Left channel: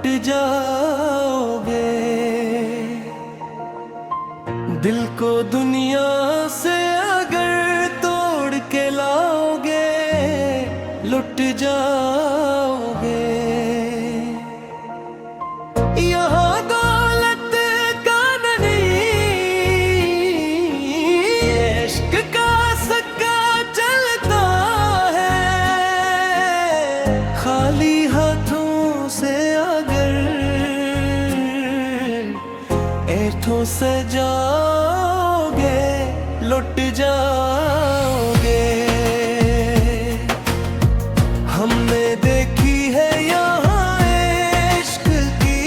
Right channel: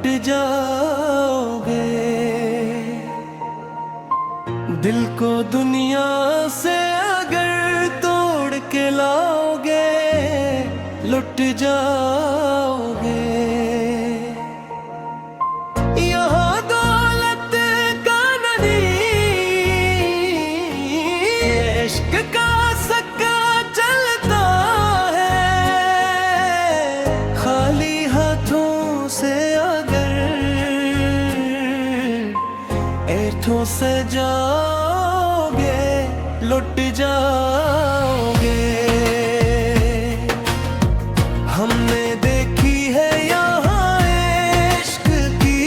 लुट जाओगे। दिल को दुनिया से अगर तोड़ के लाओगे, लुट जाओगे। यहाँ दौलत का नहीं, इश्क का सक्का चलता है। खाली हाथों से अगर ऐठों से जाओगे, लुट जाओगे। हमने देखी है यहाँ इश्क की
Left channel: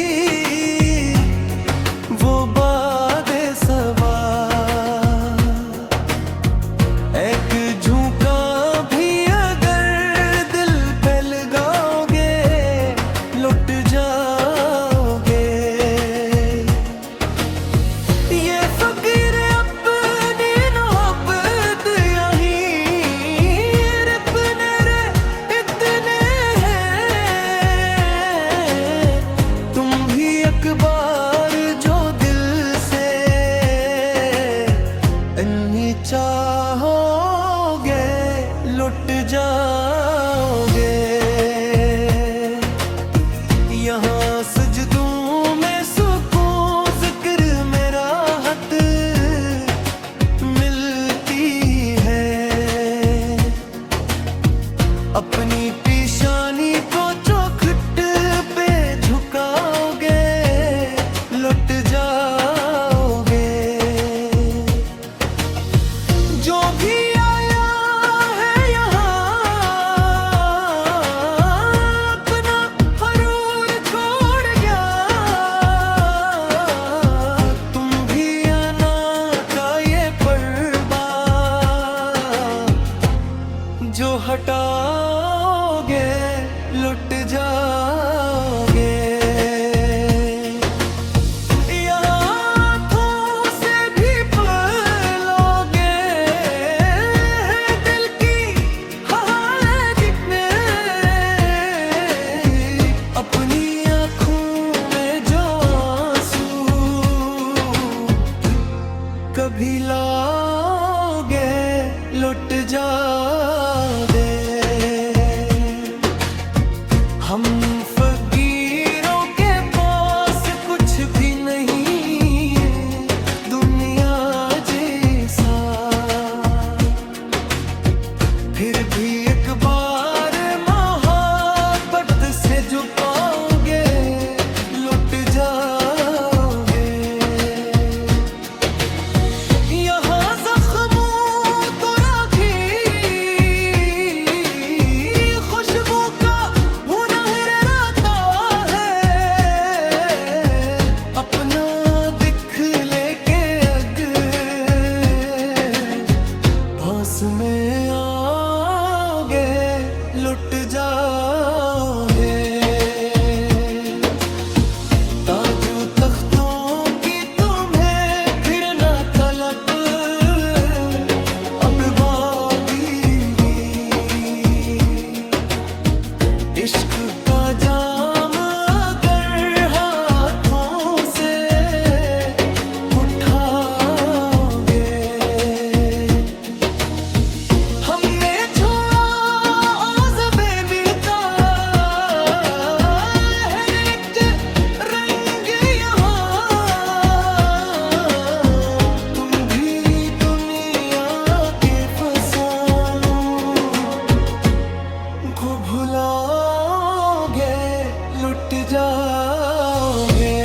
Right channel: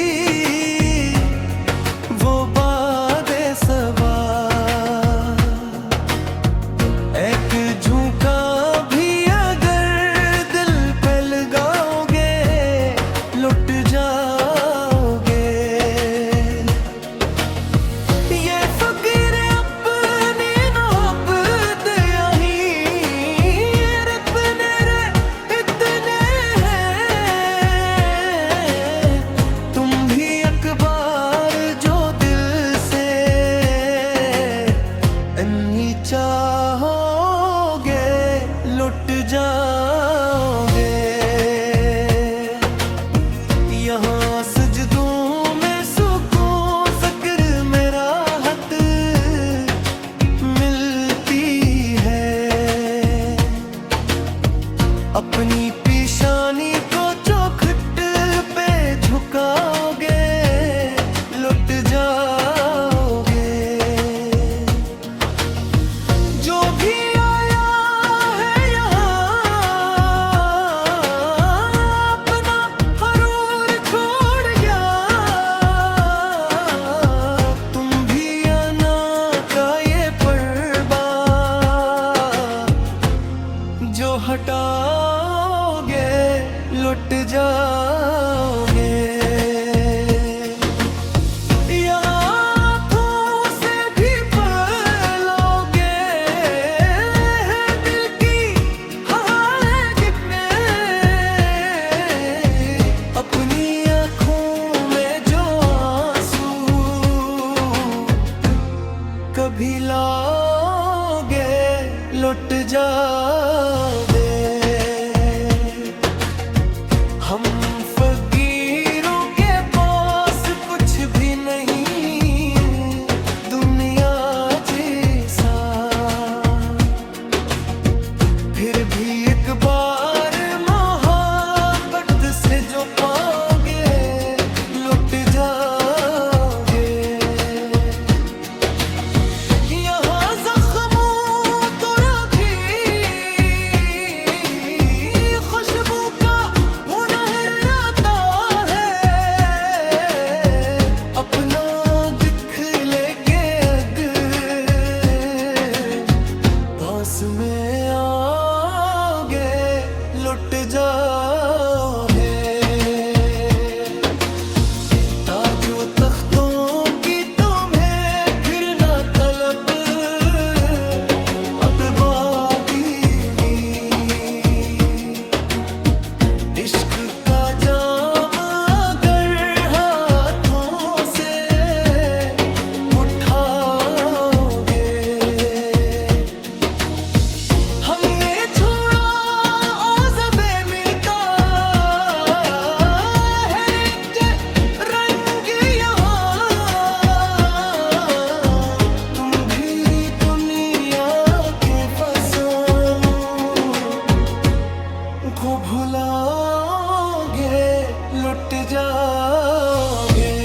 वो बादे सबा, एक झुका भी अगर दिल पे लगाओगे, लुट जाओगे। ये फकीर अपनी मोहब्बत यहीं रखने रे इतने हैं। तुम भी एक बार जो दिल से इन्हीं चाहोगे, लुट जाओगे। यहाँ सजदों में सुकून, ज़िक्र में राहत मिलती है। अपनी पेशानी को चौखट पे झुकाओगे, लुट जाओगे। जो भी आया है यहाँ अपना हरूर छोड़ गया। तुम भी आना का ये पर्दा जो हटाओगे, लुट जाओगे। हाथों से भी पलोगे दिल की हालत में। अपनी आँखों में जो आंसू कभी लाओगे, लुट जाओगे। हम फकीरों के पास कुछ भी नहीं दुनिया जैसा, फिर भी एक बार मोहब्बत से जो पाओगे, लुट जाओगे। यहाँ जख्मों तो राखी खुशबू का हुनर आता है। अपना दिख लेके अगर पास में आओगे, लुट जाओगे। ताजो तख्तों की तुम्हें फिर ना तलब, अब बादीगी। इश्क का जाम अगर हाथों से उठाओगे। हमने छोड़ा औज़बे मिलता है एक रंग यहाँ। तुम भी दुनिया के फसानों को भुलाओगे, लुट जाओगे।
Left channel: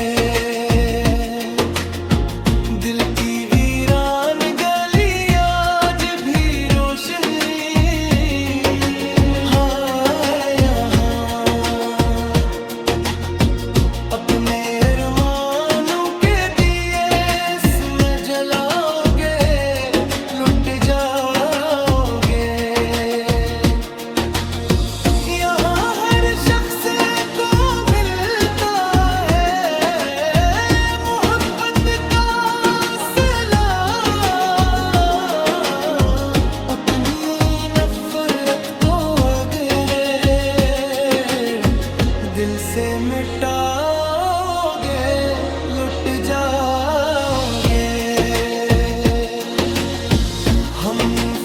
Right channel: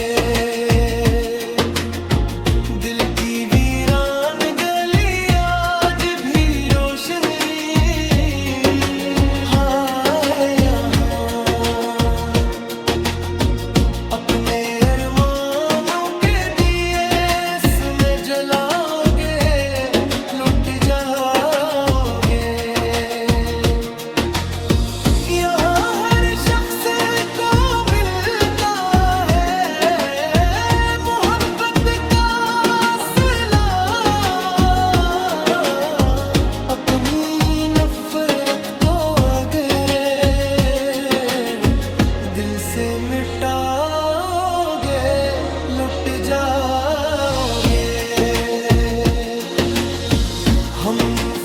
दिल की वीरान गली आज भी रोशनी है यहाँ। अपने अरमानों के दिए इसमें जलाओगे, लुट जाओगे। यहाँ हर शख्स को मिलता है मोहब्बत का सिला। अपनी नफरत को अगर दिल से मिटा जाओगे। हम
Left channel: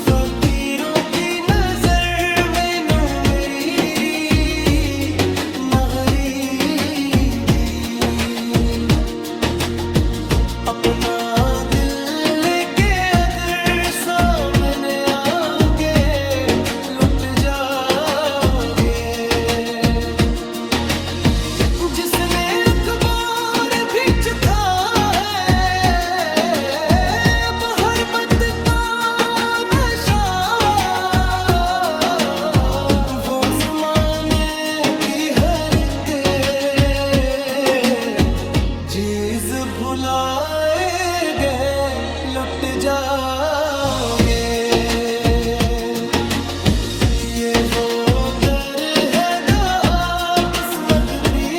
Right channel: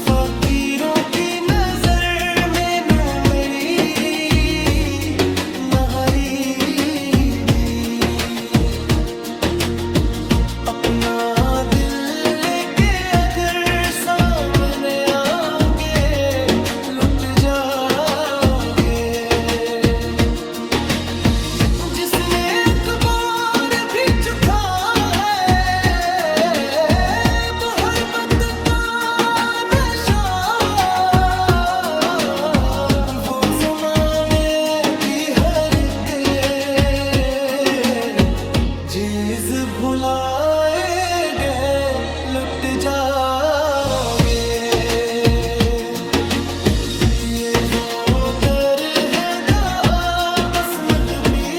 फकीरों की नजर में नो मेरी न गरीबी, अपना दिल लेके अगर सामने आओगे लुट जाओगे। जिसने अखबार भी चुका है मोहब्बत का नशा, वो ज़माने की हर के चीज़ भुलाए गए लुट जाओगे। ये वो दर है जहाँ किस्मत भी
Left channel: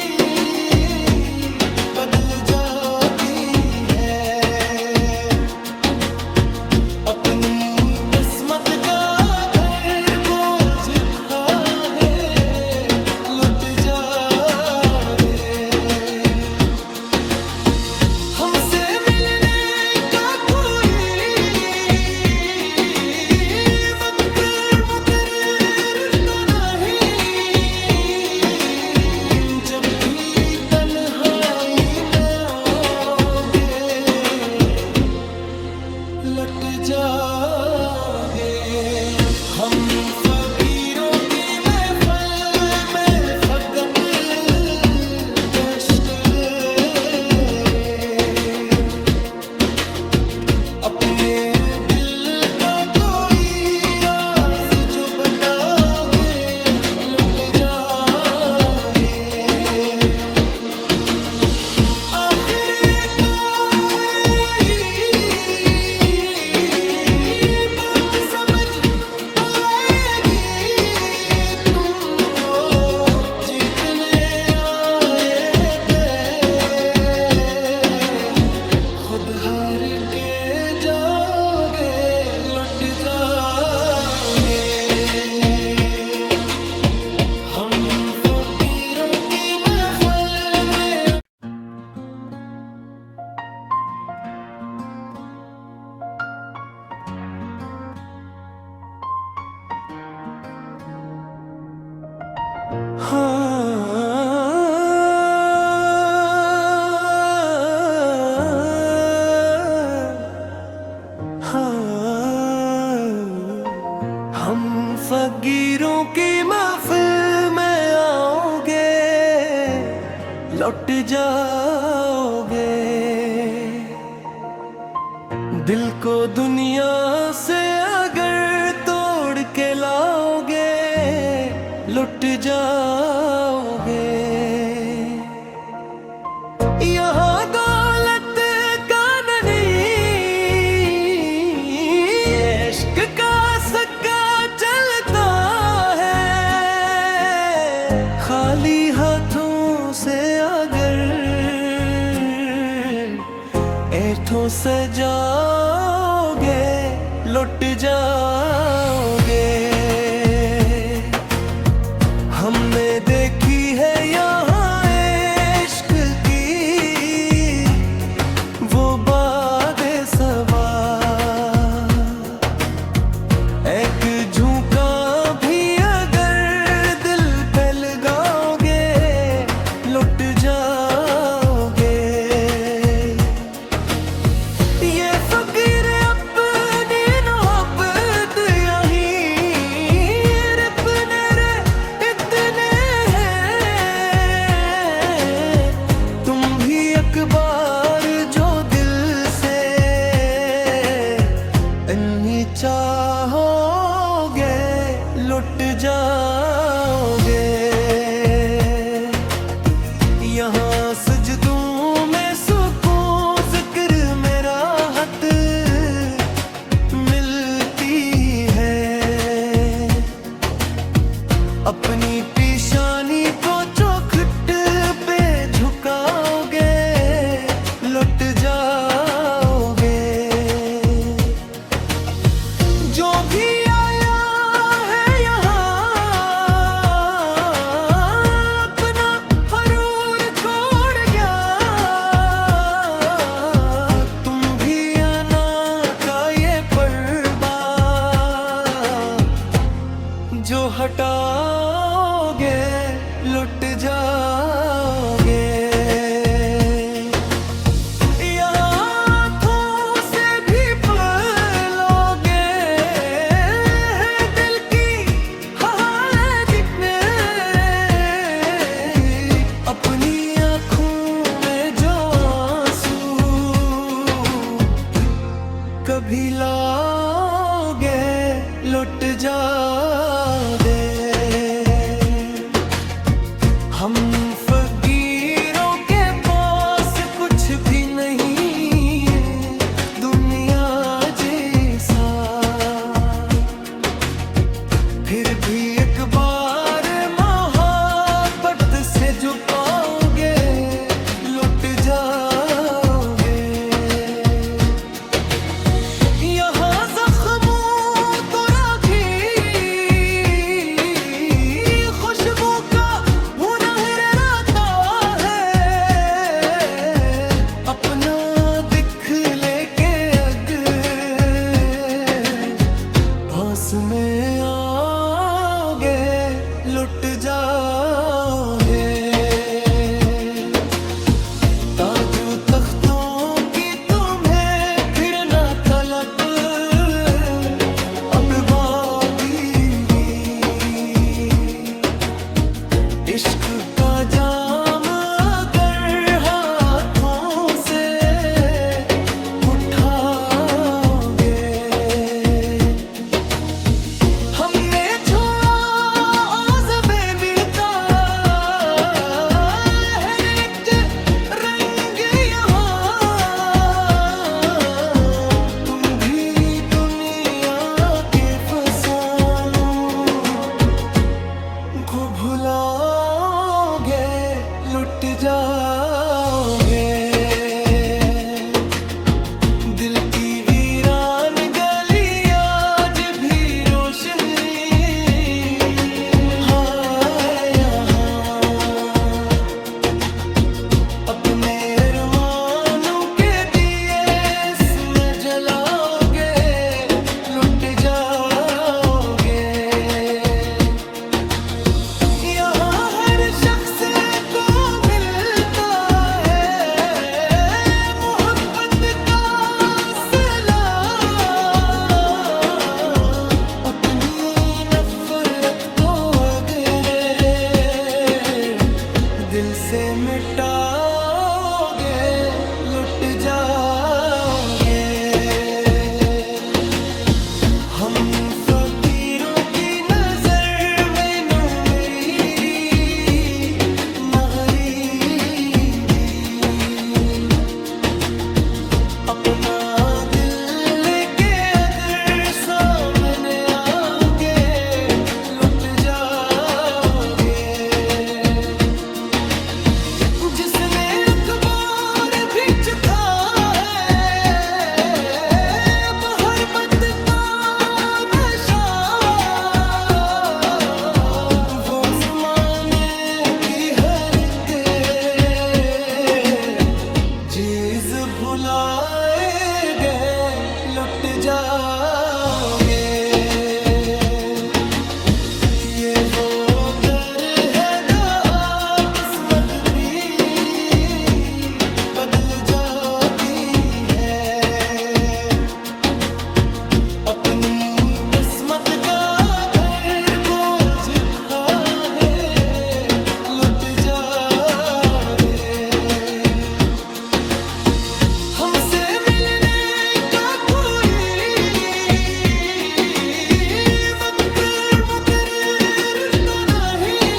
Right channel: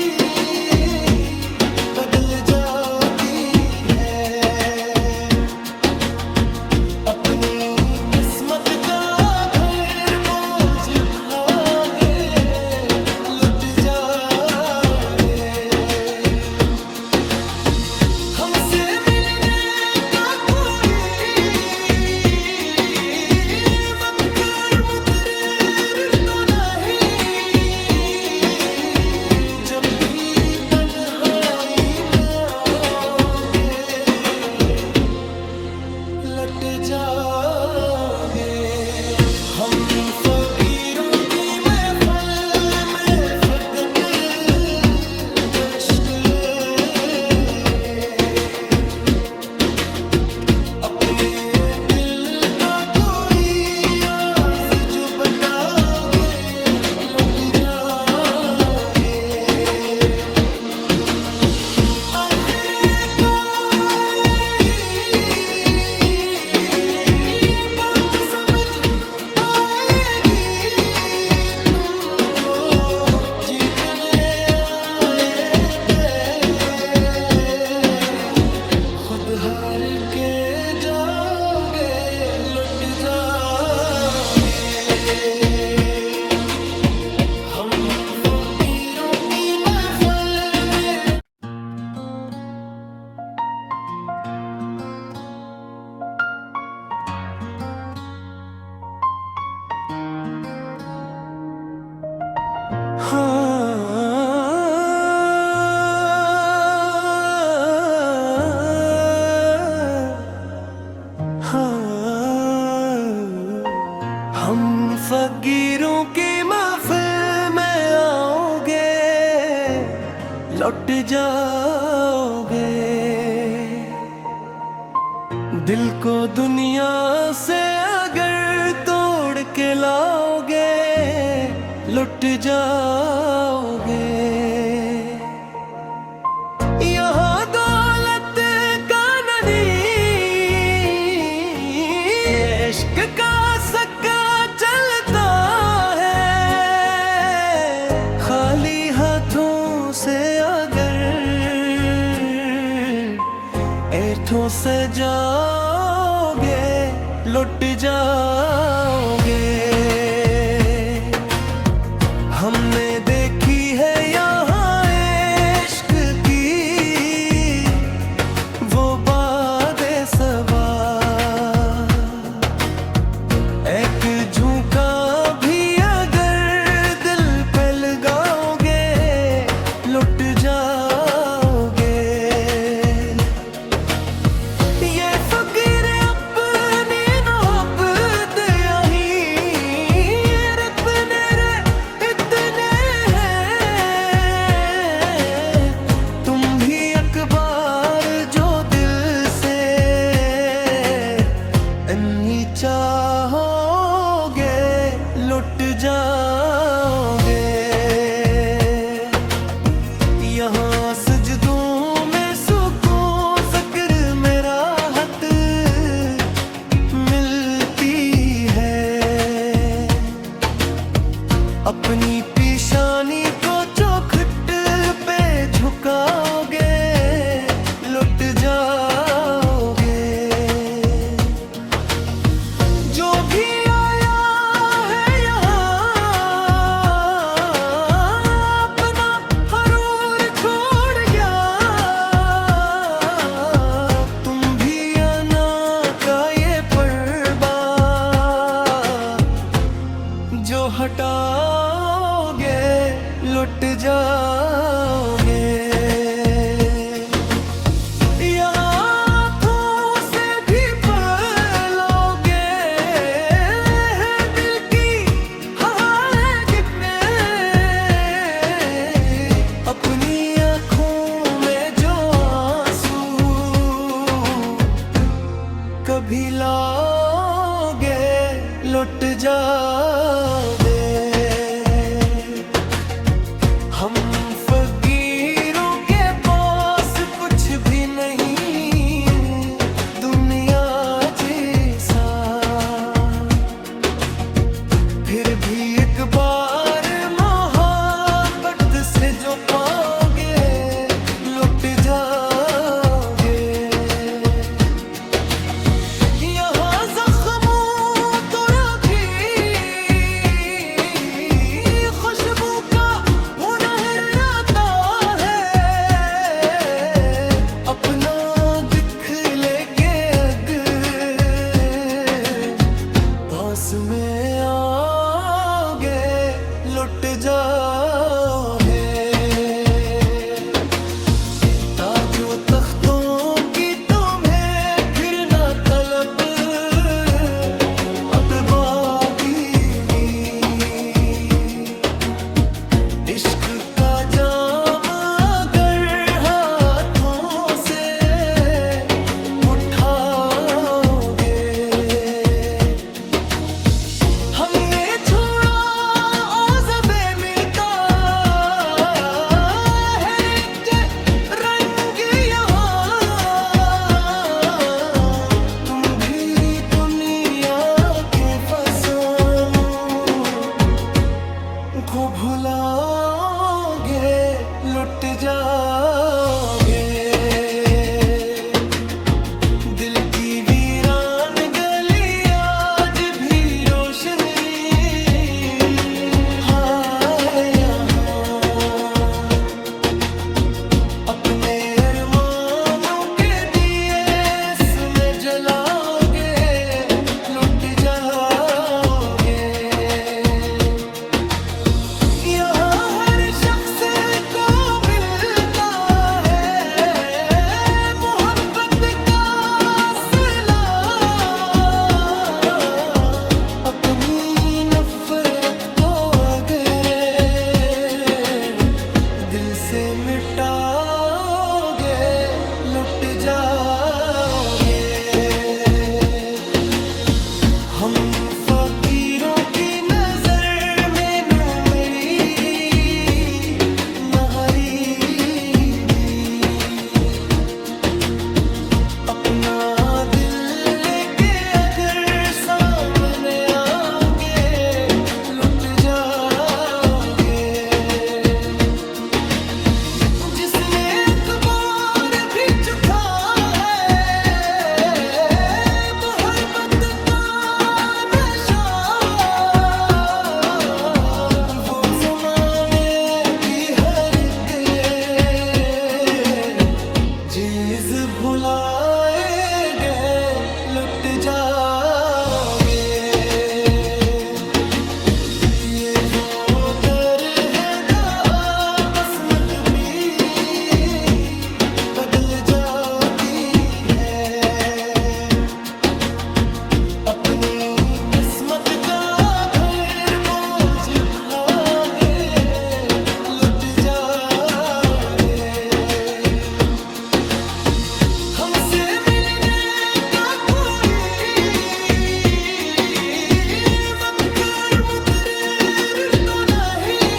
बदल जाती है। अपनी किस्मत का घर बोझ खाए लुट जाओगे। हमसे मिलने का कोई वक्त मुकर्रर तो नहीं, जब भी तन्हाई में आओगे लट जाओगे। हम फकीरों की महफिल में फकत कष्ट अपने दिल का कोई राज जो बताओगे लुट जाओगे। आखिरकार यही बात समझ आएगी तुमको, जीतने आए थे खुद हार के जाओगे लुट जाओगे। हम फकीरों की महफिल में हम फकीरों की महफिल में आओगे लौट जाओगे। दिल को दुनिया से अगर तोड़ के लाओगे लुट जाओगे। यहाँ दौलत का नहीं इश्क का सक्का चलता है। खाली हाथों से अगर ऐठों से जाओगे लुट जाओगे। हमने देखी है यहाँ इश्क की वो बातें सबा, एक झुका भी अगर दिल पे लगाओगे लुट जाओगे। ये फकीर अपनी मोहब्बत यहीं अपने रे इतने हैं। तुम भी अखबार जो दिल से इन्हीं चाहोगे लुट जाओगे। यहाँ सजदों में सुकून ज़िक्र में राहत मिलती है। अपनी पेशानी को चौखट पे झुकाओगे लुट जाओगे। जो भी आया है यहाँ अपना हरूर छोड़ गया, जाओगे। हम फकीरों के पास कुछ भी नहीं, दुनिया जैसा, फिर भी एक बार मोहब्बत से जो पाओगे लुट जाओगे। यहाँ जख्मों तो राखी खुशबू का हुनर आता है, अपना दिख लेके अगर पास में आओगे लुट जाओगे। ताजो तख्तों की तुम्हें फिर ना तलब, अब बागी इश्क का जाम अगर हाथों से उठाओगे। हमने छोड़ा औज़बे मिलता है एक रंग यहाँ, तुम भी दुनिया के फसानों को भुलाओगे लुट जाओगे। दिल की वीरान गली आज भी रोशनी है यहाँ, अपने अरमानों के दिए इसमें जलाओगे लुट जाओगे। यहाँ हर शख्स को मिलता है मोहब्बत का सिला, अपनी नफरत को अगर दिल से मिटाओगे लुट जाओगे। हम फकीरों की नजर में नो मेरी न गरीबी, अपना दिल लेके अगर सामने आओगे लुट जाओगे। जिसने अखबार भी चुका है मोहब्बत का नशा, वो ज़माने की हर चीज़ भुलाए गए लुट जाओगे। ये वो दर है जहाँ किस्मत भी बदल जाती है, अपनी किस्मत का घर बोझ खाए लुट जाओगे। हमसे मिलने का कोई वक्त मुकर्रर तो नहीं,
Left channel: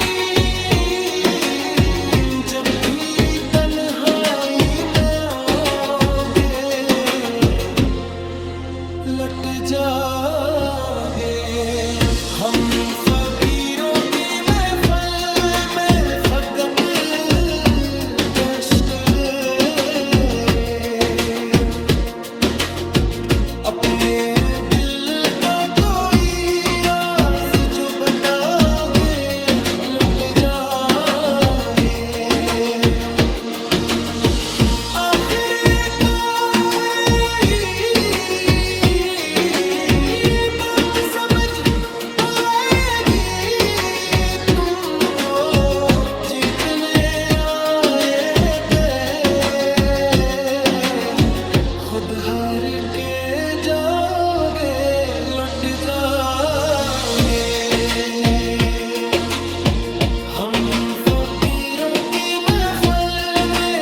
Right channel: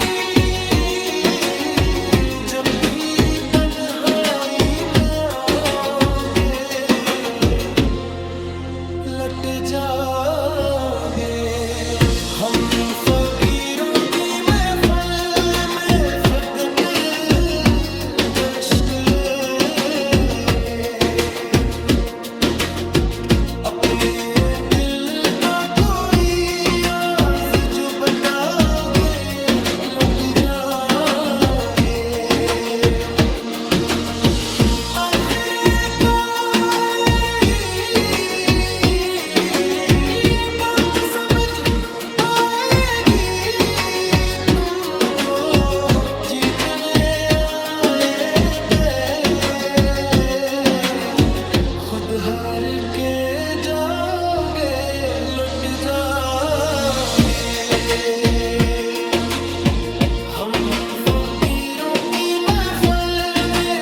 जब भी तन्हाई में आओगे लट जाओगे। हम फकीरों की महफिल में फकत कश्क अपने दिल का कोई राज जो बताओगे लुट जाओगे। आखिरकार यही बात समझ आएगी तुमको, जीतने आए थे खुद हार के जाओगे लुट जाओगे। हम फकीरों की महफिल में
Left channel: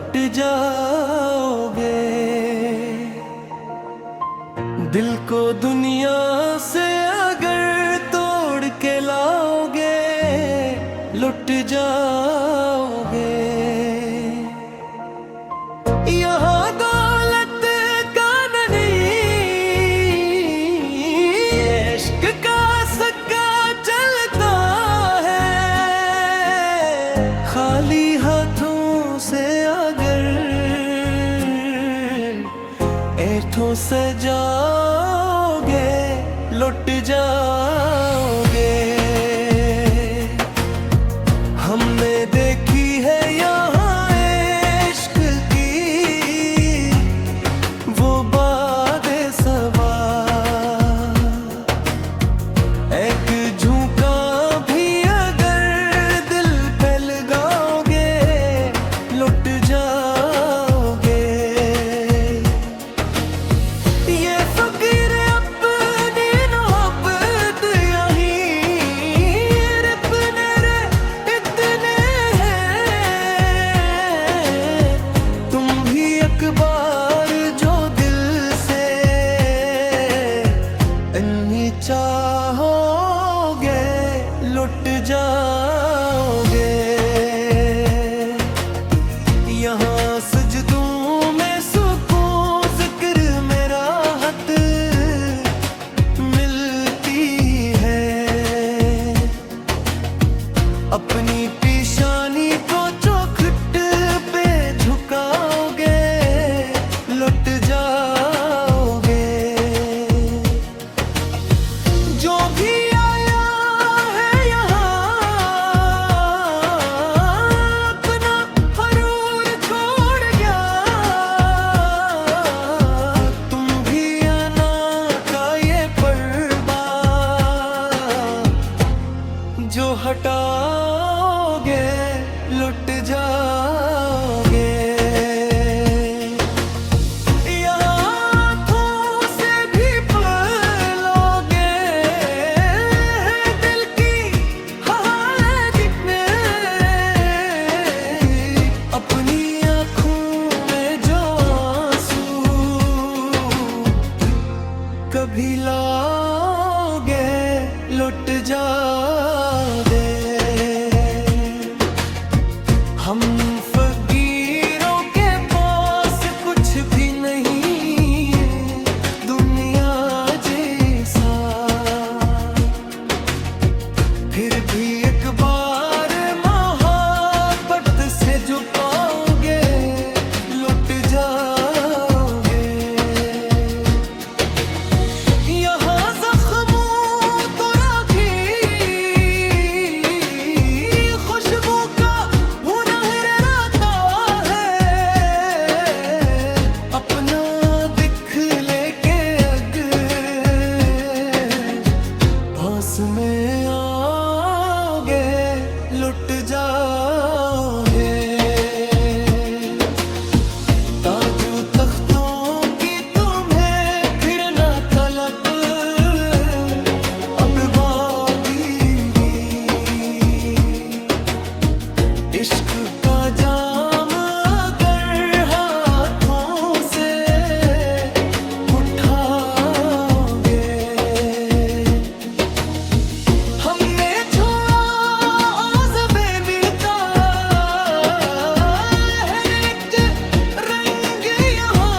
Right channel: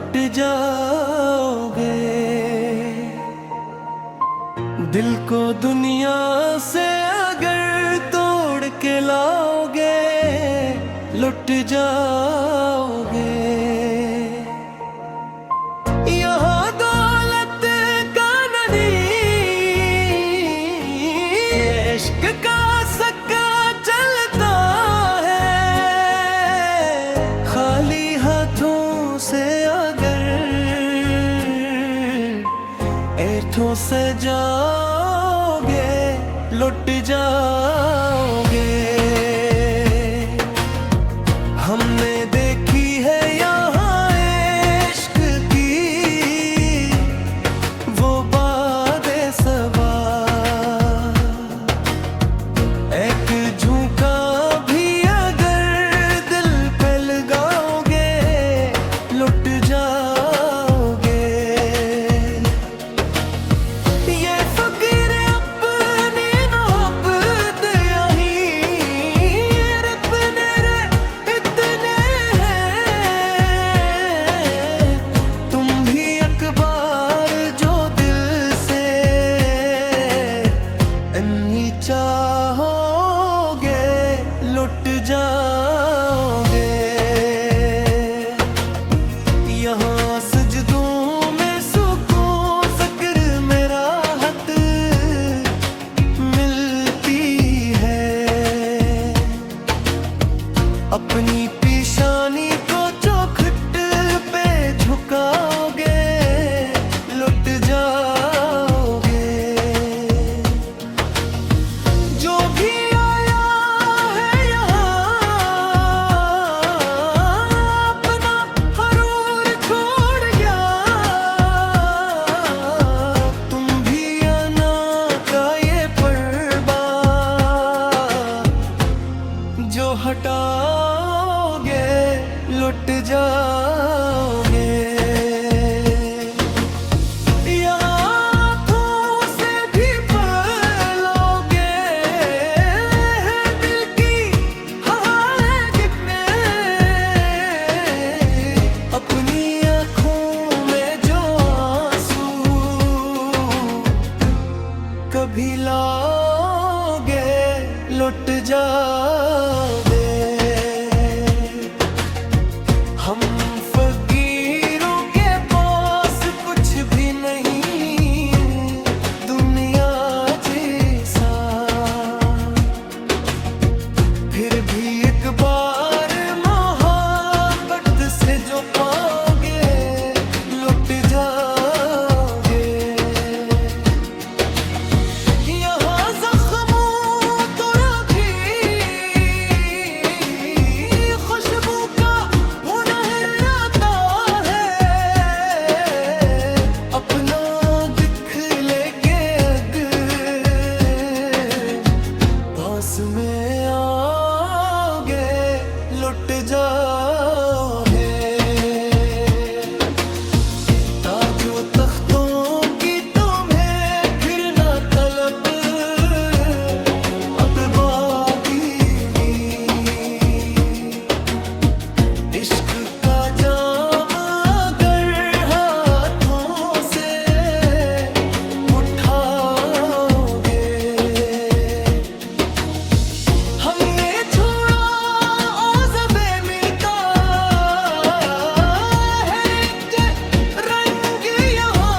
लुट जाओगे। दिल को दुनिया से अगर तोड़ के लाओगे, लुट जाओगे। यहाँ दौलत का नहीं, इश्क का सक्का चलता है। खाली हाथों से अगर ऐठों से जाओगे, लुट जाओगे। हमने देखी है यहाँ इश्क की वो बादे सबा, एक झुका भी अगर दिल पे लगाओगे, लुट जाओगे। ये फकीर अपनी मोहब्बत यहीं रबने रे इतने हैं। तुम भी एक बार जो दिल से इन्हीं चाहोगे, लुट जाओगे। यहाँ सजदों में सुकून ज़िक्र में राहत मिलती है। अपनी पेशानी को चौखट पे झुकाओगे, लुट जाओगे। जो भी आया है यहाँ अपना हरूर छोड़ गया। तुम भी आना का ये पर्दा जो हटाओगे, लुट जाओगे। अपनी आँखों में जो आंसू कभी लाओगे, लुट जाओगे। हम फकीरों के पास कुछ भी नहीं दुनिया जैसा, फिर भी एक बार से जो पाओगे, लुट जाओगे। यहाँ जख्मों तो राखी खुशबू का हुनर रहता है। अपना दिख लेके अगर पास में आओगे, लुट जाओगे। ताजो तख्तों की तुम्हें फिर ना तलब अब बागी। इश्क का जाम अगर हाथों से उठाओगे। हमने छोड़ा औज़बे मिलता है एक रंग यहाँ।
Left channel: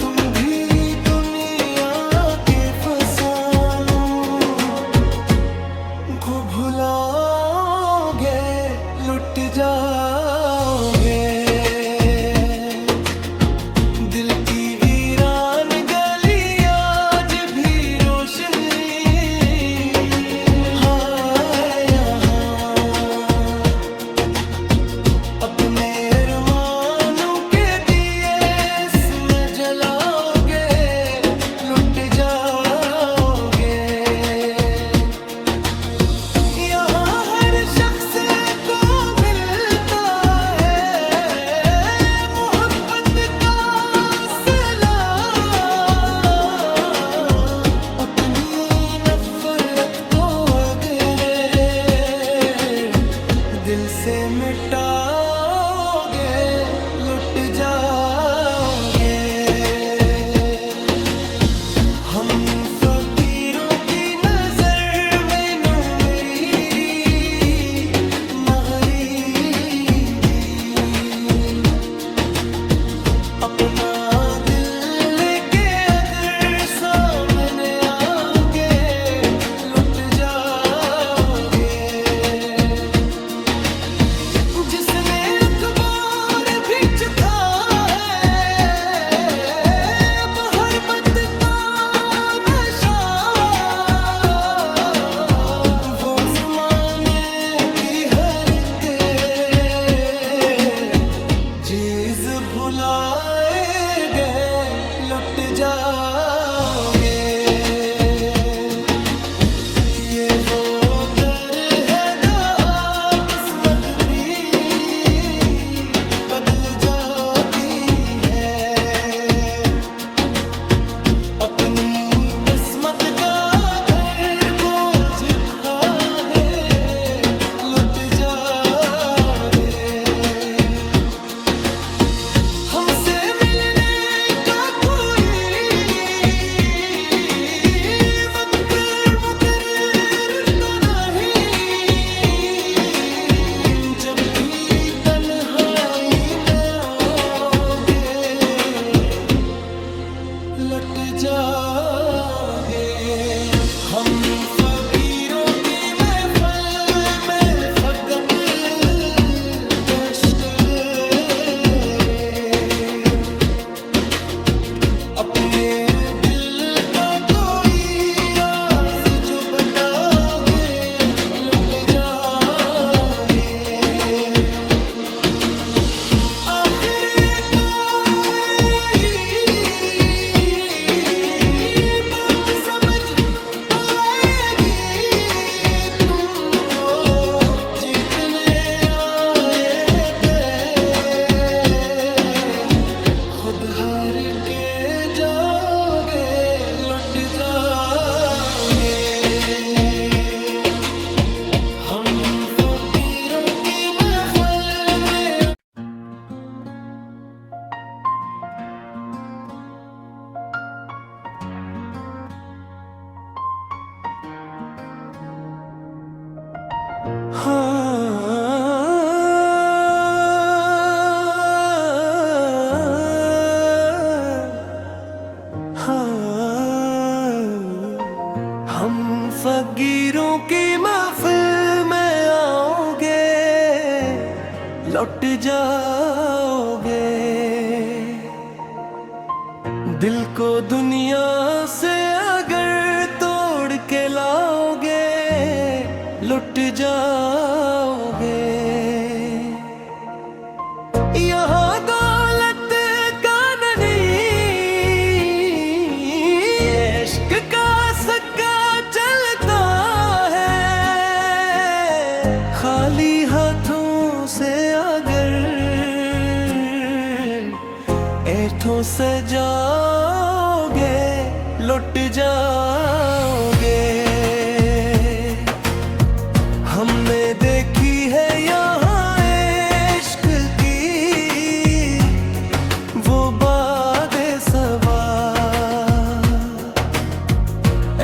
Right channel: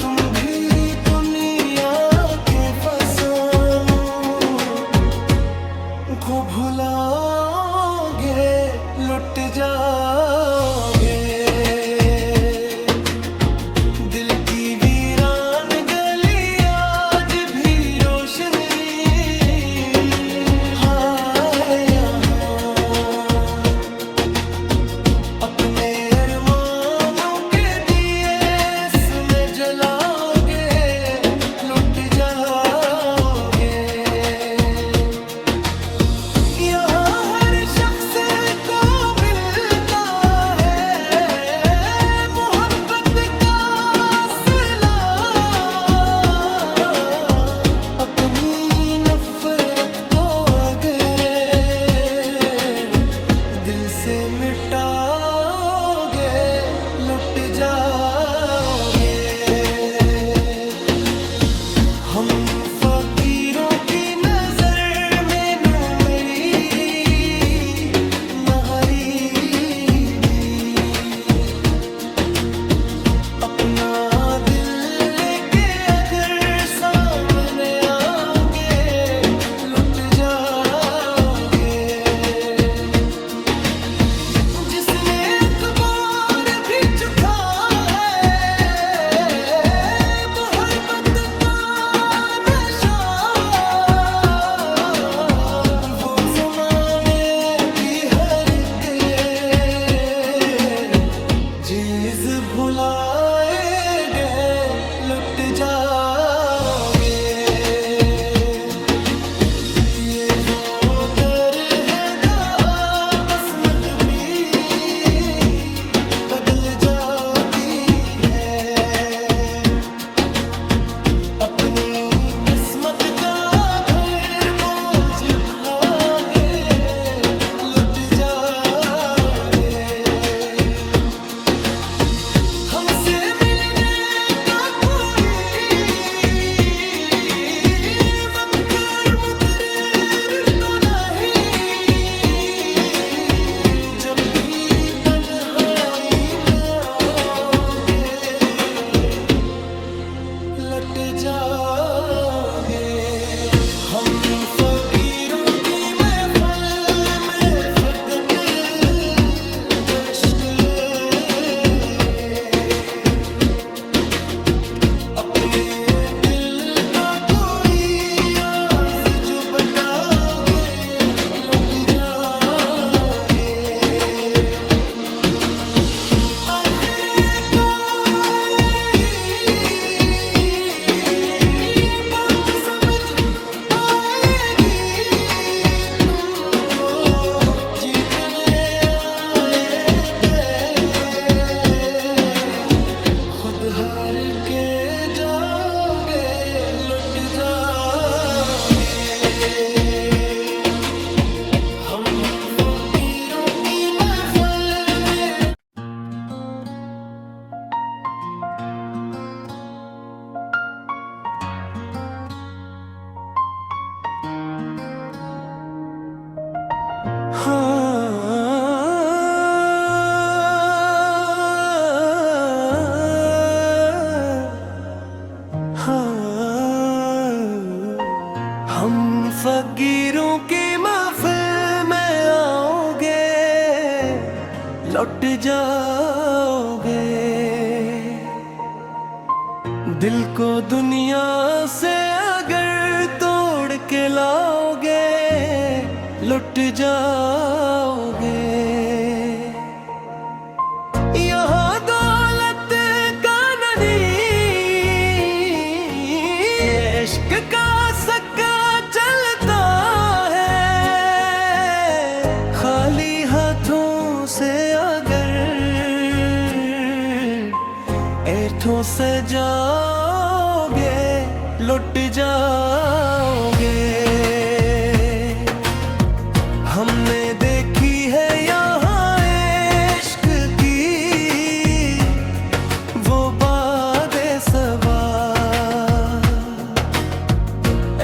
तुम भी दुनिया के फसानों को भुलाओगे, लुट जाओगे। दिल की वीरान गली आज भी रोशनी है यहाँ। अपने अरमानों के दिए इसमें जलाओगे, लुट जाओगे। यहाँ हर शख्स को मिलता है मोहब्बत का सिला। अपनी नफरत को अगर दिल से मिटा जाओगे। हम फकीरों की नजर में नो मेरी न गरीबी, अपना दिल लेके अगर सामने आओगे लुट जाओगे। जिसने अखबार भी चुका है मोहब्बत का नशा, वो ज़माने की हर के चीज़ भुलाए गए लुट जाओगे। ये वो दर है जहाँ किस्मत भी बदल जाती है। अपनी किस्मत का घर बोझ खाए लुट जाओगे। हमसे मिलने का कोई वक्त मुकर्रर तो नहीं, जब भी तन्हाई में आओगे लट जाओगे। हम फकीरों की महफिल में फकत कष्ट अपने दिल का कोई राज जो बताओगे लुट जाओगे। आखिरकार यही बात समझ आएगी तुमको, जीतने आए थे खुद हार के जाओगे लुट जाओगे। हम फकीरों की महफिल में हम फकीरों की महफिल में आओगे लौट जाओगे। दिल को दुनिया से अगर तोड़ के लाओगे लुट जाओगे। यहाँ दौलत का नहीं इश्क का सक्का चलता है। खाली हाथों से अगर ऐठों से जाओगे लुट जाओगे। हमने देखी है यहाँ इश्क की वो बादे सबा,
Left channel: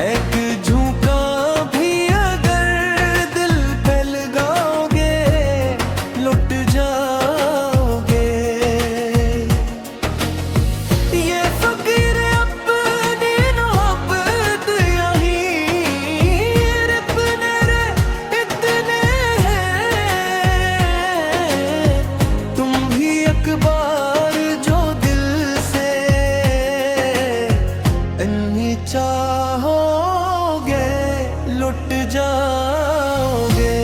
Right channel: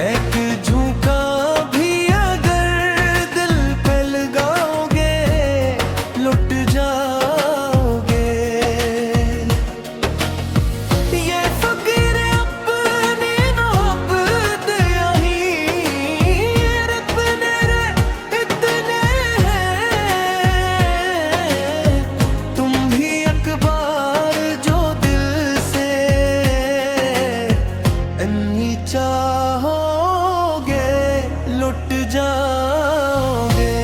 एक झुका भी अगर दिल पे लगाओगे लुट जाओगे। ये फकीर अपनी मोहब्बत यहीं अपने रे इतने हैं। तुम भी अखबार जो दिल से इन्हीं चाहोगे लुट जाओगे।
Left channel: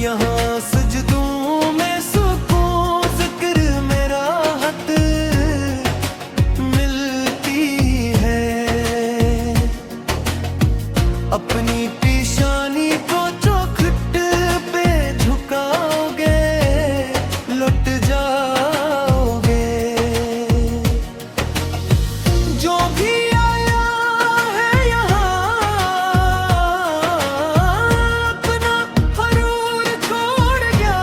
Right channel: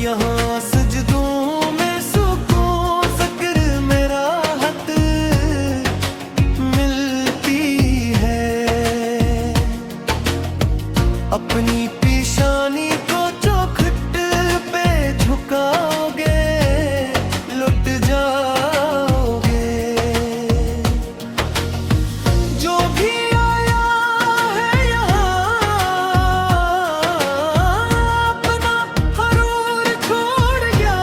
यहाँ सजदों में सुकून ज़िक्र में राहत मिलती है। अपनी पेशानी को चौखट पे झुकाओगे लुट जाओगे। जो भी आया है यहाँ अपना हरूर छोड़ गया,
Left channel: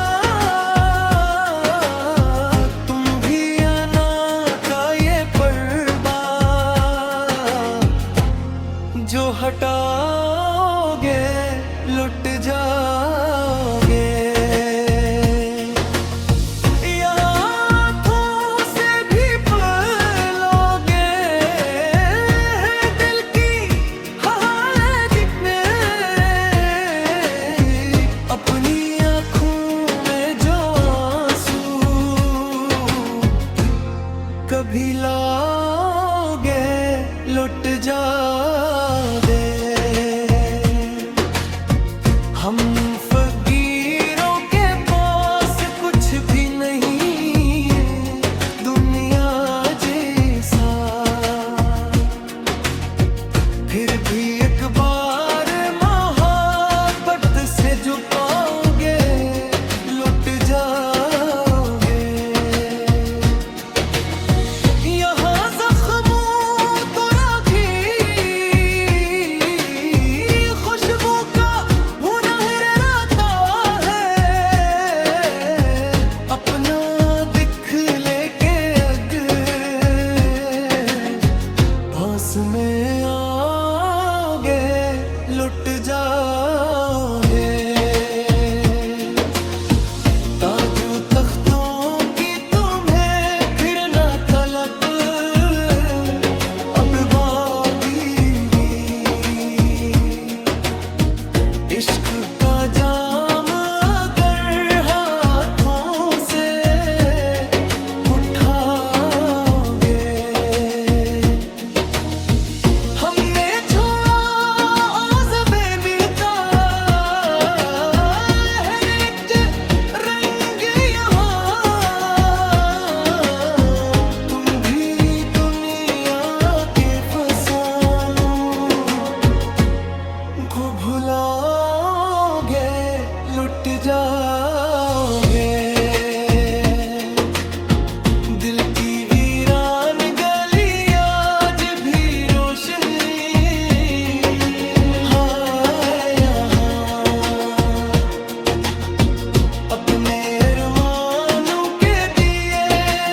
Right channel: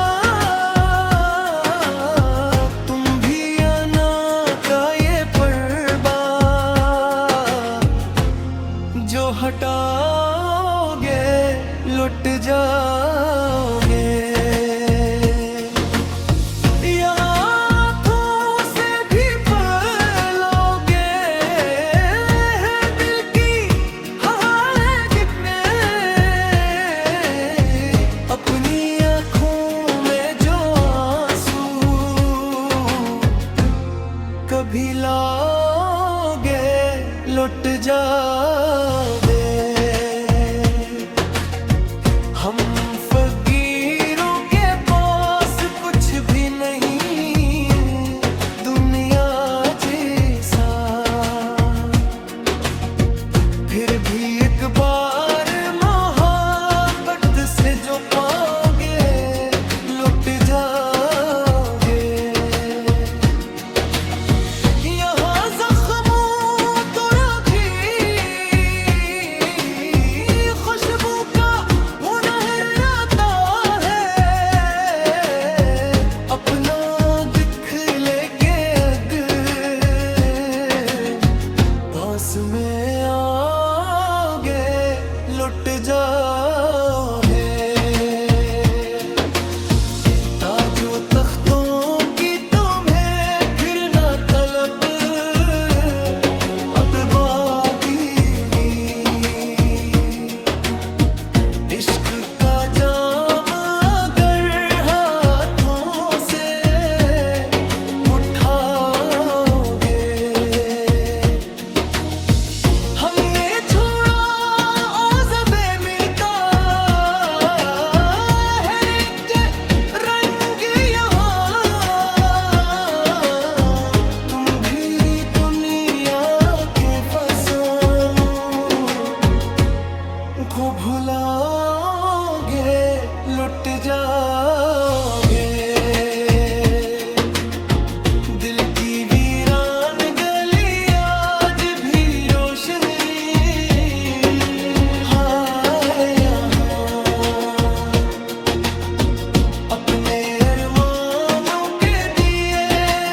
जाओगे। हम फकीरों के पास कुछ भी नहीं, दुनिया जैसा, फिर भी एक बार मोहब्बत से जो पाओगे लुट जाओगे। यहाँ जख्मों तो राखी खुशबू का हुनर आता है, अपना दिख लेके अगर पास में आओगे लुट जाओगे। ताजो तख्तों की तुम्हें फिर ना तलब, अब बागी इश्क का जाम अगर हाथों से उठाओगे। हमने छोड़ा औज़बे मिलता है एक रंग यहाँ, तुम भी दुनिया के फसानों को भुलाओगे लुट जाओगे। दिल की वीरान गली आज भी रोशनी है यहाँ, अपने अरमानों के दिए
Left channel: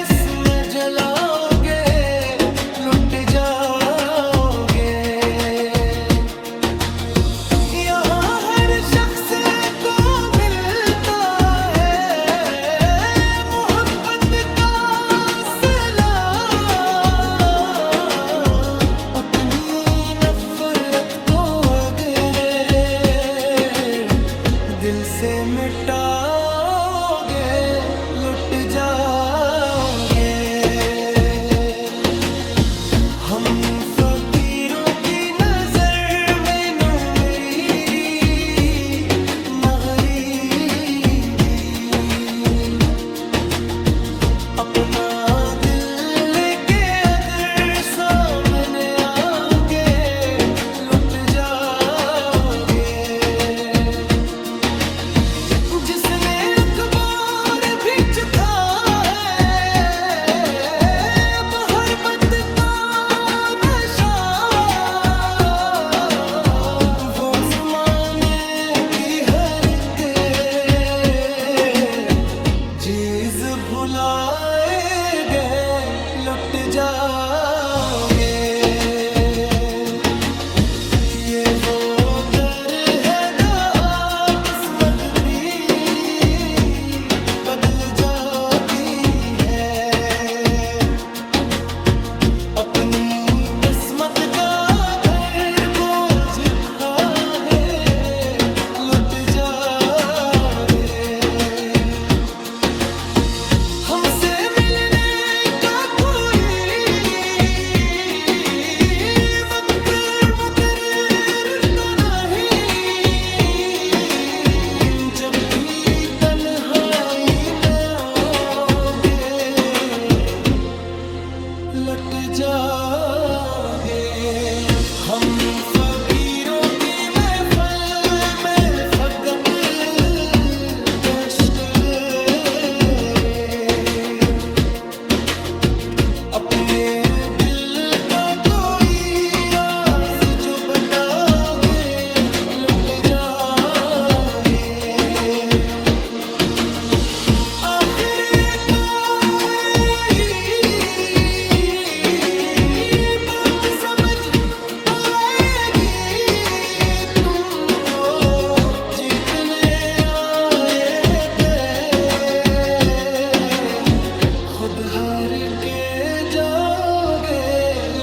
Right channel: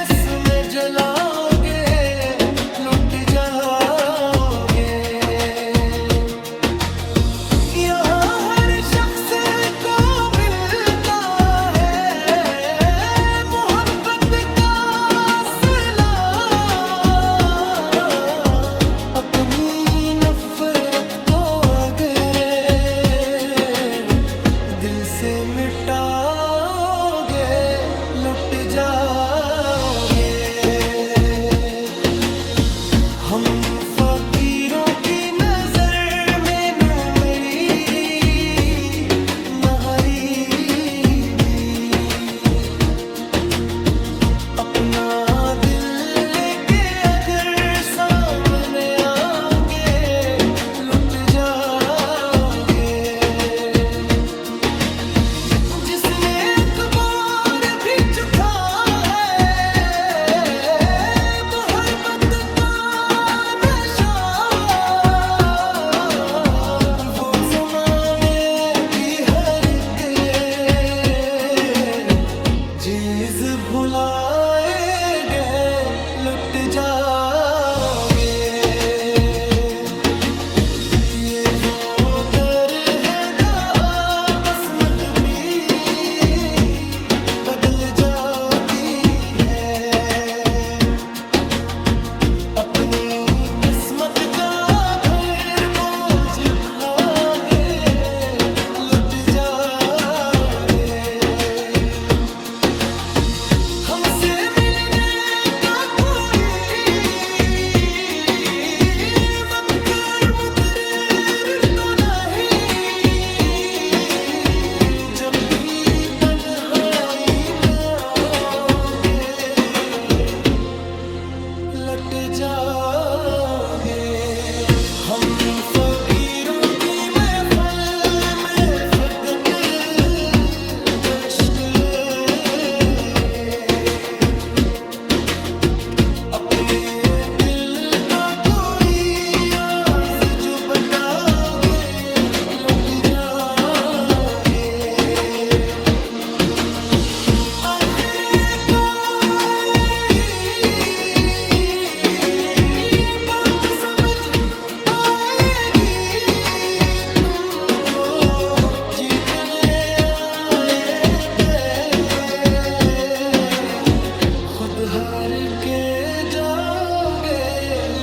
इसमें जलाओगे लुट जाओगे। यहाँ हर शख्स को मिलता है मोहब्बत का सिला, अपनी नफरत को अगर दिल से मिटाओगे लुट जाओगे। हम फकीरों की नजर में नो मेरी न गरीबी, अपना दिल लेके अगर सामने आओगे लुट जाओगे। जिसने अखबार भी चुका है मोहब्बत का नशा, वो ज़माने की हर के चीज़ भुलाए गए लुट जाओगे। ये वो दर है जहाँ किस्मत भी बदल जाती है, अपनी किस्मत का घर बोझ खाए लुट जाओगे। हमसे मिलने का कोई वक्त मुकर्रर तो नहीं, जब भी तन्हाई में आओगे लट जाओगे। हम फकीरों की महफिल में फकत कश्क अपने दिल का कोई राज जो बताओगे लुट जाओगे। आखिरकार यही बात समझ आएगी तुमको, जीतने आए थे खुद हार के जाओगे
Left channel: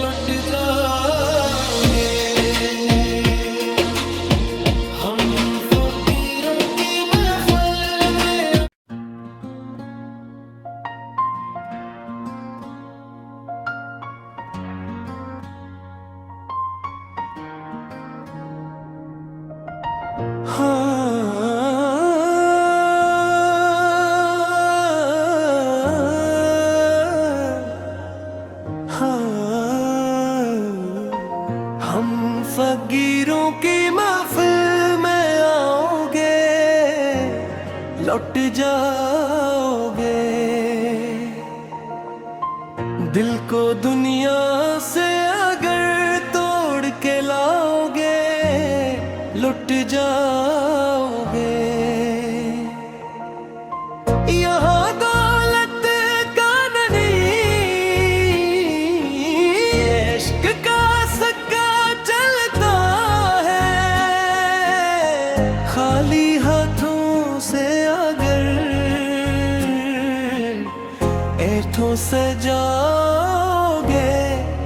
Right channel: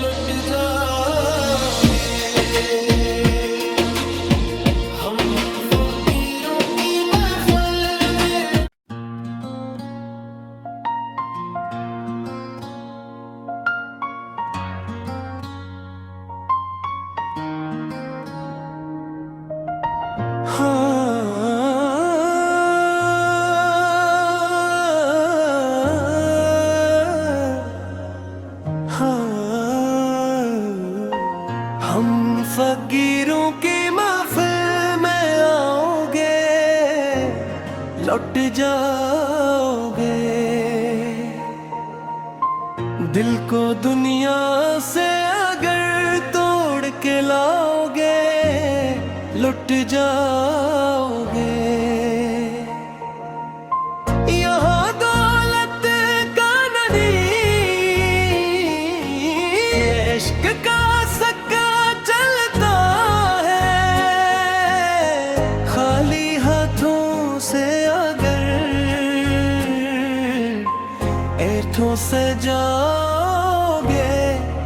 लुट जाओगे। हम फकीरों की महफिल में लुट जाओगे। दिल को दुनिया से अगर तोड़ के लाओगे, लुट जाओगे। यहाँ दौलत का नहीं, इश्क का सक्का चलता है। खाली हाथों से अगर ऐठों से जाओगे,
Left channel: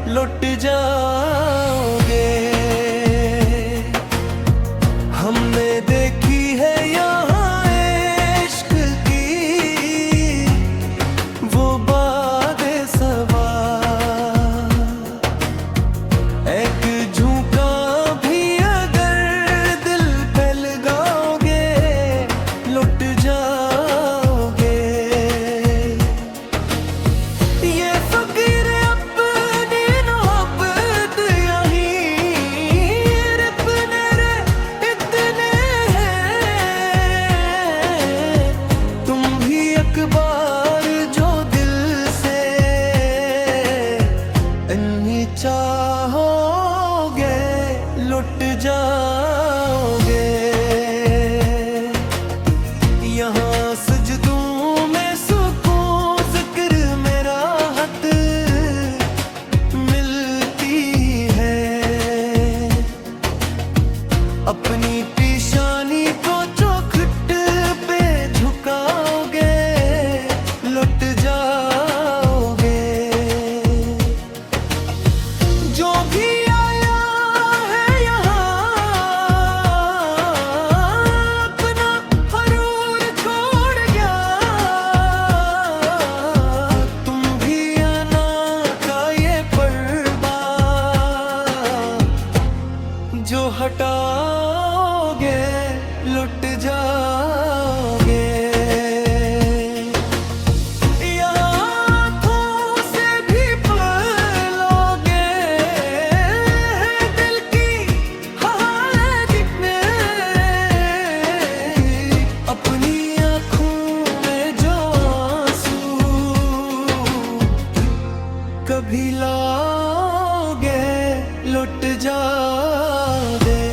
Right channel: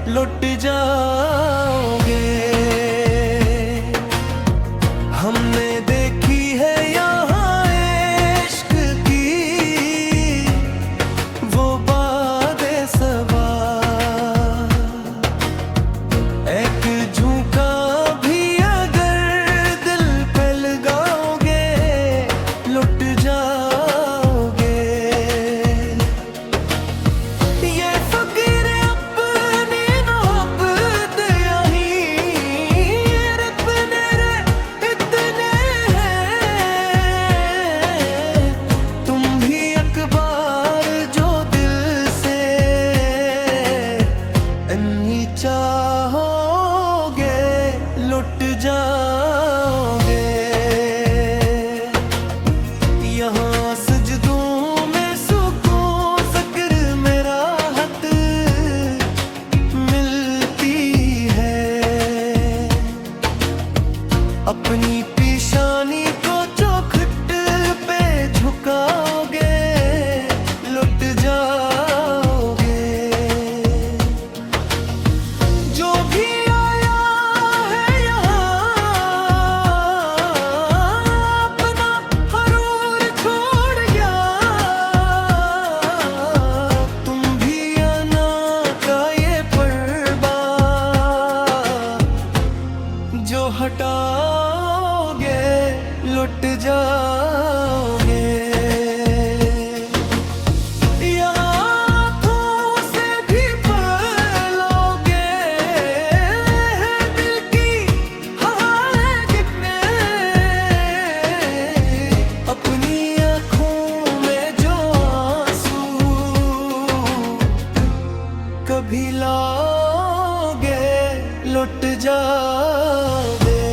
लुट जाओगे। हमने देखी है यहाँ इश्क की वो बादे सबा, एक झुका भी अगर दिल पे लगाओगे, लुट जाओगे। ये फकीर अपनी मोहब्बत यहीं रबने रे इतने हैं। तुम भी एक बार जो दिल से इन्हीं चाहोगे, लुट जाओगे। यहाँ सजदों में सुकून ज़िक्र में राहत मिलती है। अपनी पेशानी को चौखट पे झुकाओगे, लुट जाओगे। जो भी आया है यहाँ अपना हरूर छोड़ गया। तुम भी आना का ये पर्दा जो हटाओगे, लुट जाओगे। हाथों से भी पलोगे दिल की हालत दिखने। अपनी आँखों में जो आंसू कभी लाओगे, लुट जाओगे।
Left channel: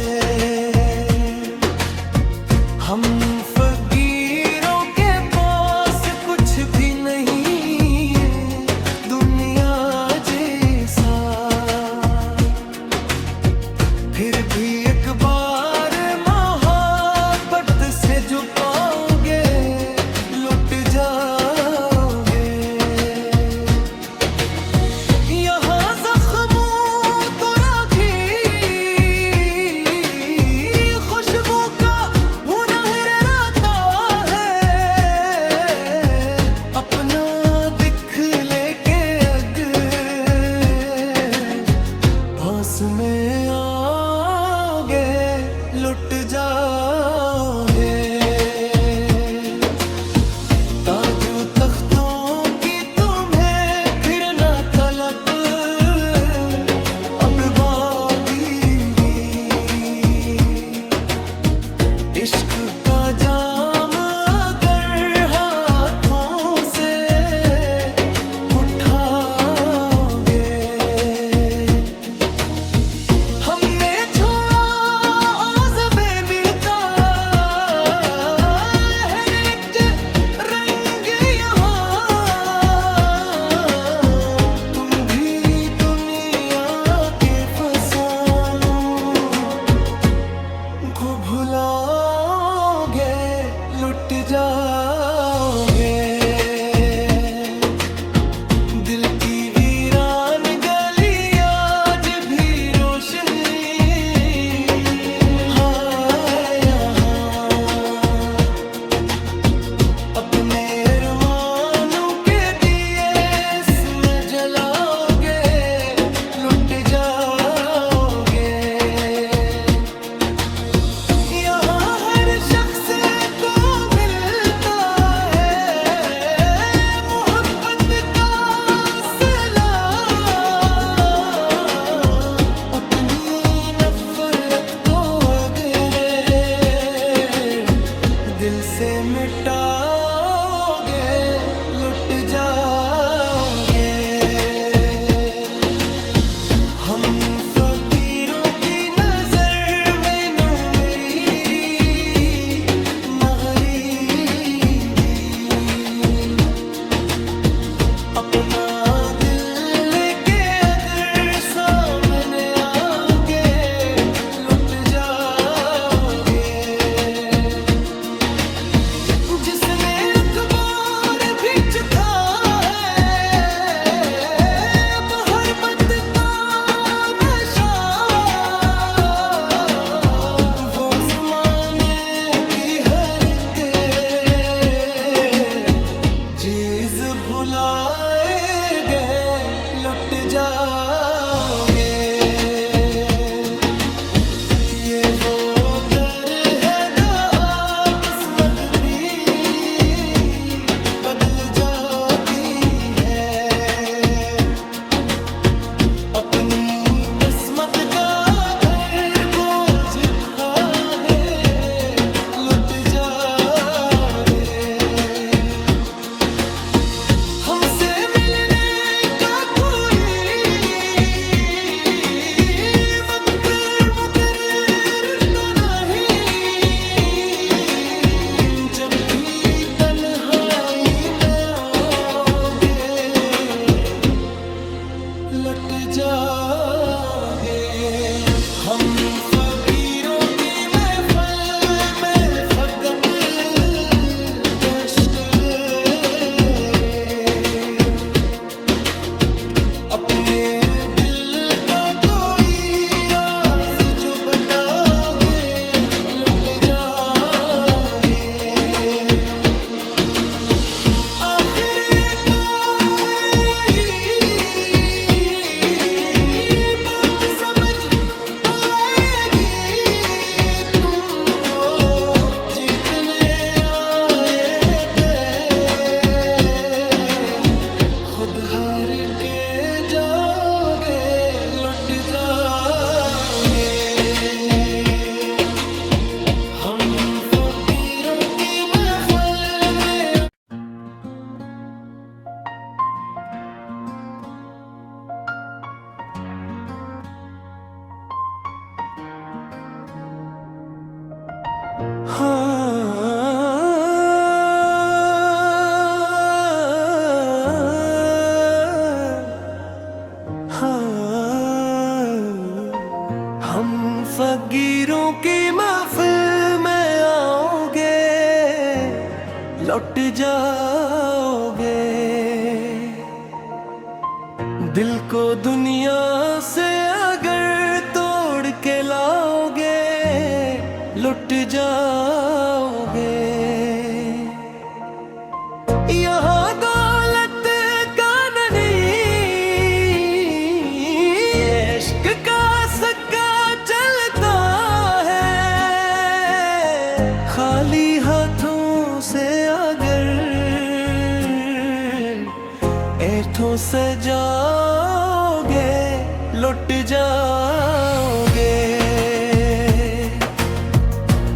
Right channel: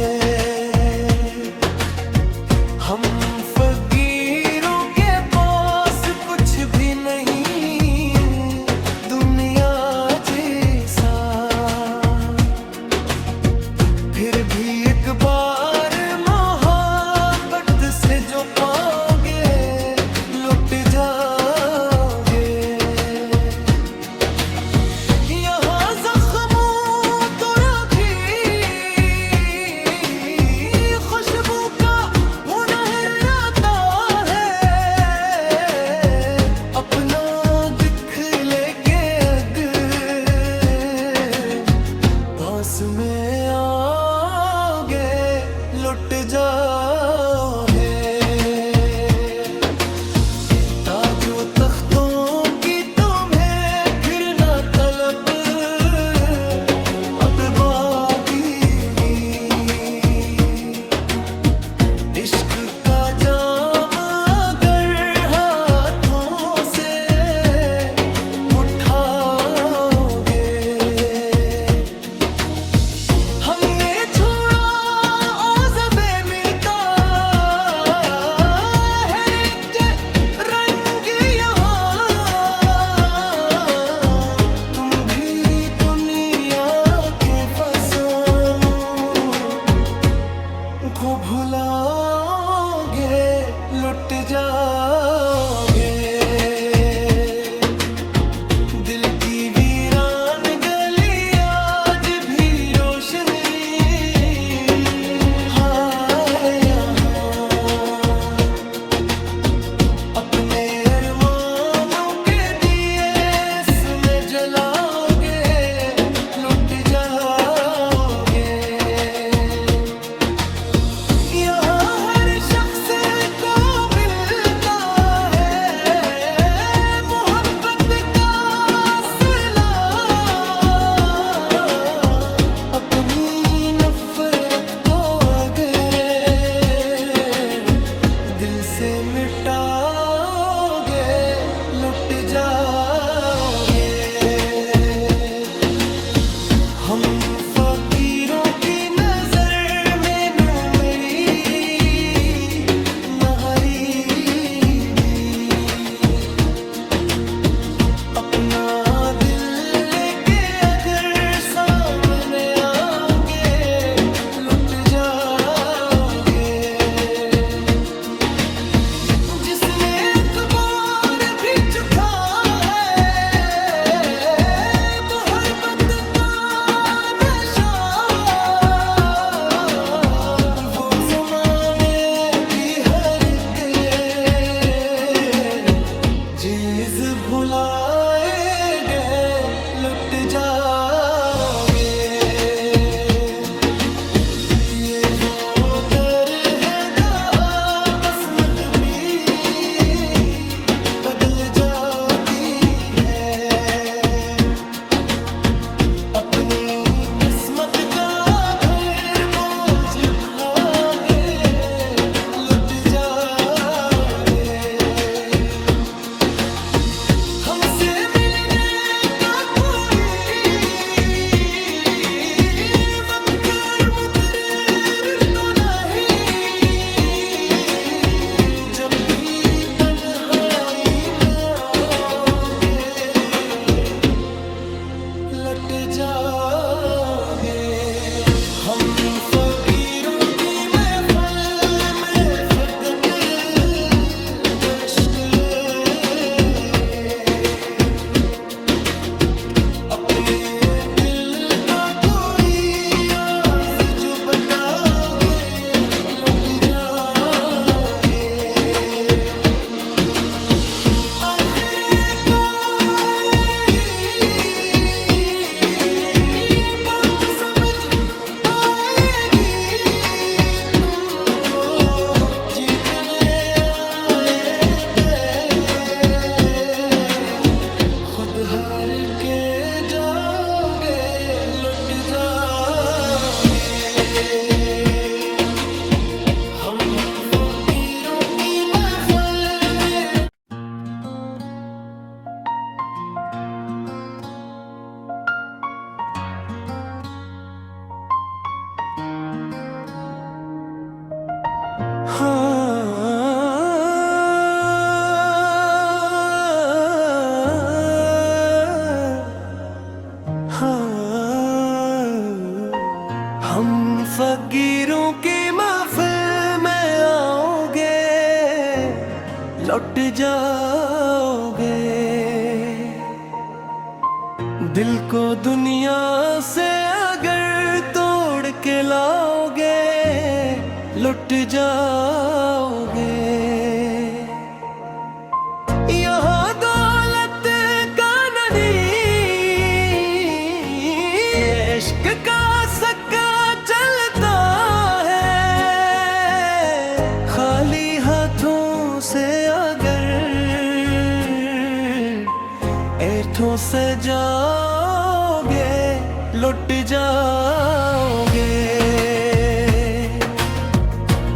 हम फकीरों के पास कुछ भी नहीं दुनिया जैसा, फिर भी एक बार मोहब्बत से जो पाओगे, लुट जाओगे। यहाँ जख्मों तो राखी खुशबू का हुनर आता है। अपना दिख लेके अगर पास में आओगे, लुट जाओगे। ताजो तख्तों की तुम्हें फिर ना तलब अब बादीगी। इश्क का जाम अगर हाथों से उठाओगे। हमने छोड़ा औज़बे मिलता है एक रंग यहाँ। तुम भी दुनिया के फसानों को भुलाओगे, लुट जाओगे। दिल की वीरान गली आज भी रोशनी है यहाँ। अपने अरमानों के दिए इसमें जलाओगे, लुट जाओगे। यहाँ हर शख्स को मिलता है मोहब्बत का सिला। अपनी नफरत को अगर दिल से मिटा लुट जाओगे। हम फकीरों की नजर में नो मेरी न गरीबी, अपना दिल लेके अगर सामने आओगे लुट जाओगे। जिसने अखबार भी चुका है मोहब्बत का नशा, वो ज़माने की हर के चीज़ भुलाए गए लुट जाओगे। ये वो दर है जहाँ किस्मत भी बदल जाती है। अपनी किस्मत का घर बोझ खाए लुट जाओगे। हमसे मिलने का कोई वक्त मुकर्रर तो नहीं, जब भी तन्हाई में आओगे लट जाओगे। हम फकीरों की महफिल में फकत कश्क अपने दिल का कोई राज जो बताओगे लुट जाओगे। आखिरकार यही बात समझ आएगी तुमको, जीतने आए थे खुद हार के जाओगे लुट जाओगे। हम फकीरों की महफिल में हम फकीरों की महफिल में आओगे लौट जाओगे। दिल को दुनिया से अगर तोड़ के लाओगे लुट जाओगे। यहाँ दौलत का नहीं इश्क का सक्का चलता है। खाली हाथों से अगर ऐठों से जाओगे लुट जाओगे।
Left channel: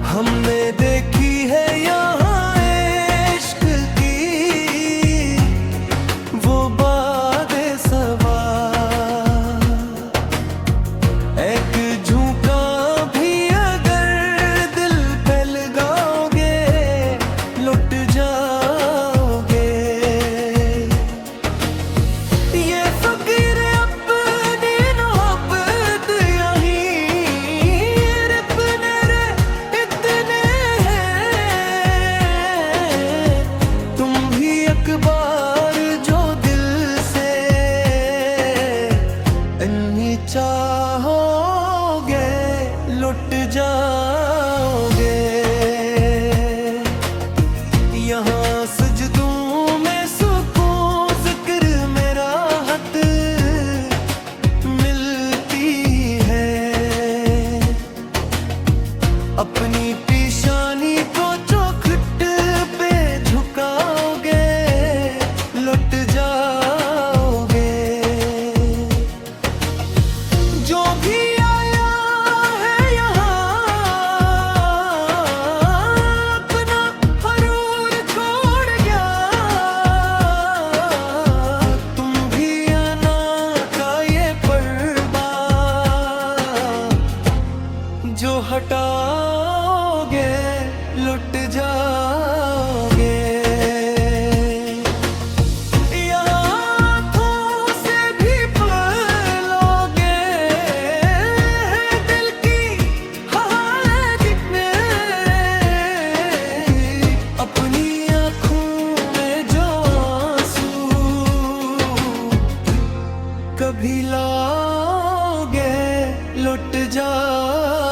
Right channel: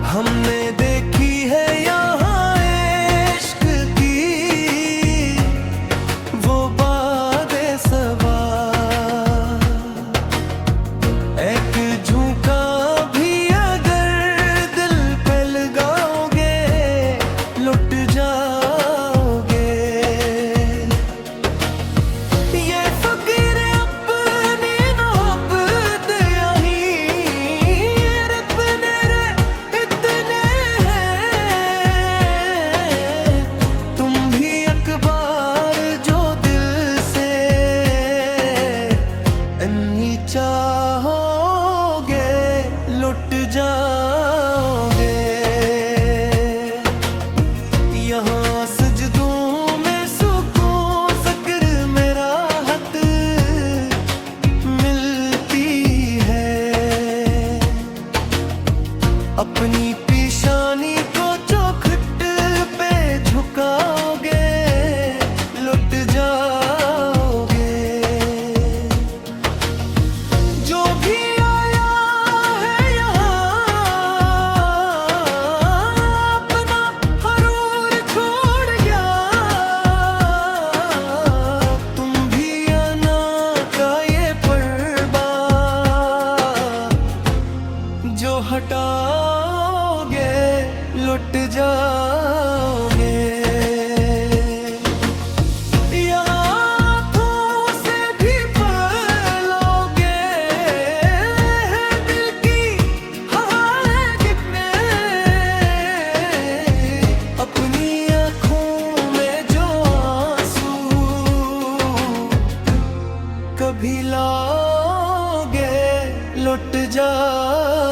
हमने देखी है यहाँ इश्क की वो बातें सबा, एक झुका भी अगर दिल पे लगाओगे लुट जाओगे। ये फकीर अपनी मोहब्बत यहीं रबने रे इतने हैं। तुम भी अखबार जो दिल से इन्हीं चाहोगे लुट जाओगे। यहाँ सजदों में सुकून ज़िक्र में राहत मिलती है। अपनी पेशानी को चौखट पे झुकाओगे लुट जाओगे। जो भी आया है यहाँ अपना हरूर छोड़ गया, जाए